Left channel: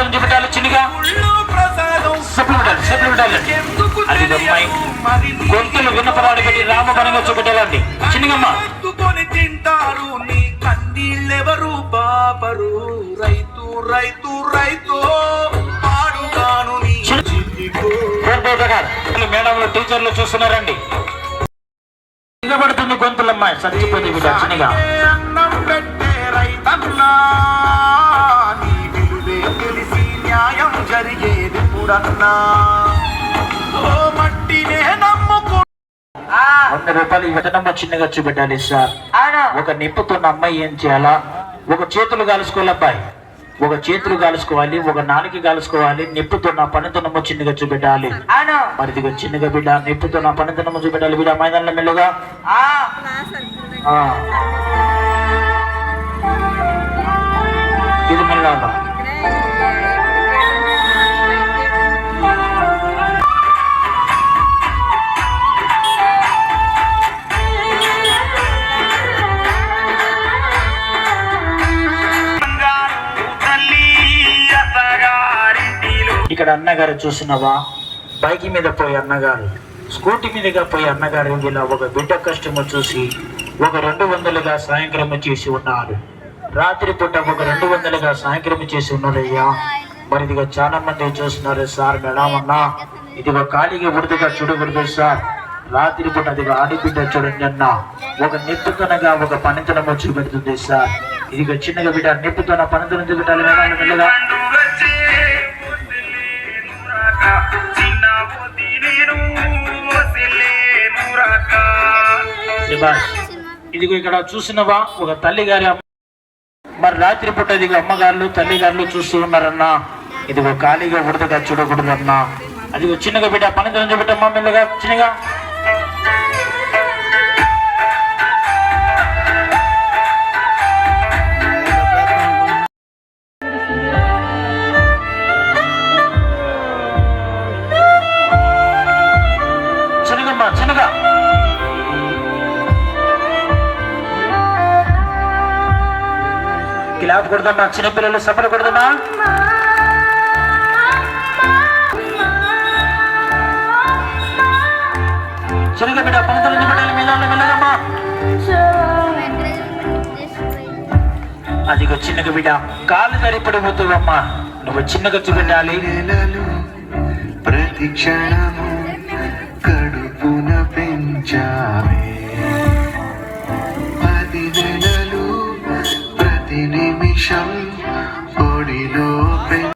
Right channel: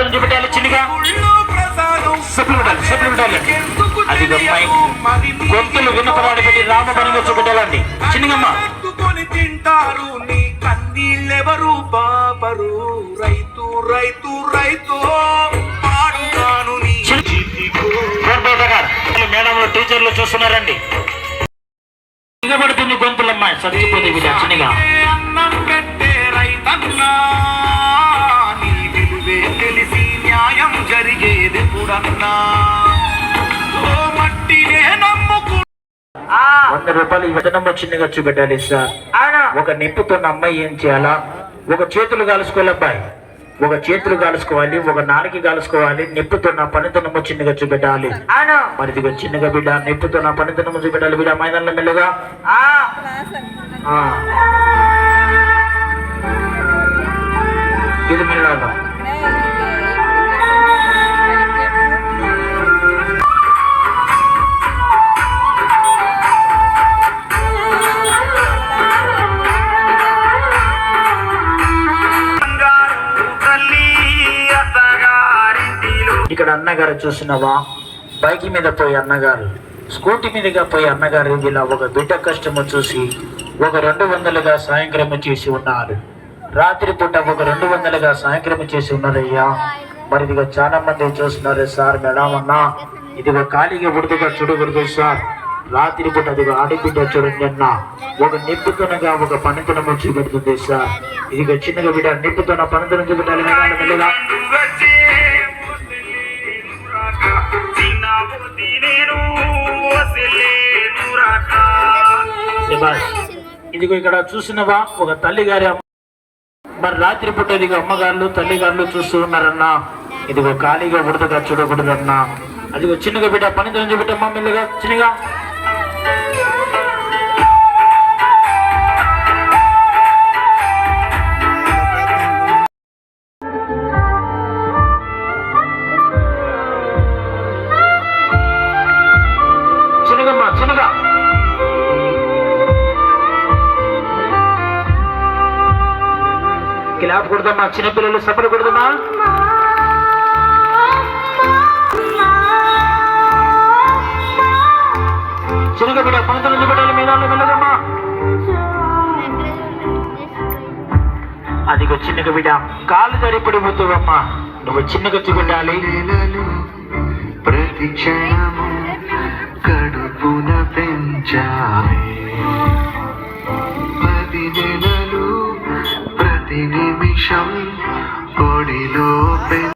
పనితనం చూపెట్టాలి చిన్నగా. అది అమ్మాయి గొంతులు విన్నపరాడి పెట్టి రామబణంగా చూపెట్టాలండి చిన్నగమ్మ. తింటారు నీ కన్నీళ్ళెవరు బాబరు రైతు రైతు రైతు పాడుగాను నీ మేడంలో టీచర్లు చూస్తున్నారండి. నిలబడుతుంది గొంతులమ్మాయి చచ్చిపోతే బిడ్డ చిన్నగా. అన్నం పెట్టే రైతన్నా నీ విలువే తెలిసి న్యాయం జరిగేది పుడన్నా మట్టినే నమ్ముకు 100 రూపాయలు విత్తనం చిన్నగా చూపెట్టాలి సార్. ఒక నిప్పుతున్న అమ్మాయి ఏం చేయాలా? ఒక చేతులు కాలుసుకోవాలి అబ్బాయి, ఒక చేతులు కాలుసుకోవాలి, ఒక నాలుగు కాలుసుకోవాలి. నిప్పుతున్న పనితనము చిన్నగా చూపెట్టాలి. మరి ఇదిగో చిన్నగా బిడ్డ నిప్పుతున్న పనితనము చూపెట్టాలి బిడ్డ. మైదానంలో మెల్లగా ఇది మెల్లగా. ఇక్కడ అన్నగారు చూసినవా? బైక్ మీద పోయి అన్నగారు, స్కూటీ మీదుగా పోయి అన్నగారు ఇలా ఒక బిడ్డ కష్టము చూసి ఒక 200గా సాయంక్రమ చేసి ఉన్నారు. రాత్రి పూట ఒక 200గా సాయంక్రమ చేసి ఉన్నారయ్యా. మరి ఇదిగా చాలా మంది చూస్తున్నారు సార్. మేడం అన్నా ఇదిగా ఖాళీగా ఉడుదుగా చూడకూడదు సార్. రాత్రి పూట అదిగా ఆడబిడ్డ చూడండి అన్న ఒక నిప్పుతనగా ఒక పనితనము చూపెడుతుంది సార్. ఇదిగా చిన్నగా బిడ్డ నిప్పుతన పనితనం చూపెట్టాలి మెల్లగా. ఇదిగో ఇక్కడ చూసినవా? ఒక తల్లి గారి మరి రాత్రి పూట ఇదిగో అమ్మగారులు తల్లిగారులు చూస్తూ ఉన్నారన్నా. ఇదిగో ఖాళీగా ఉడతగా చూడకూడదన్నా. అదిగో చిన్నగా బిడ్డ పనితనం చూపెట్టమ్మా మెల్లగా చిన్నగా. చిన్నగా క్లాప్ కొడదామా? చిన్నపిల్లలు సపర కొడదామా? చిన్నగా బిడ్డ పనితనం చూపెట్టాలి మీద వెళ్ళదమ్మా. అదిగో చిన్నగా బిడ్డ కాలు సరిపడిపోతావమ్మా. నువ్వు చిన్నగా చూపెట్టాలి. ప్రతి క్షణము కడుపున పెంచాలి 10 నెలలు ప్రతి నిమిషం ఒడిలో పెంచాలి.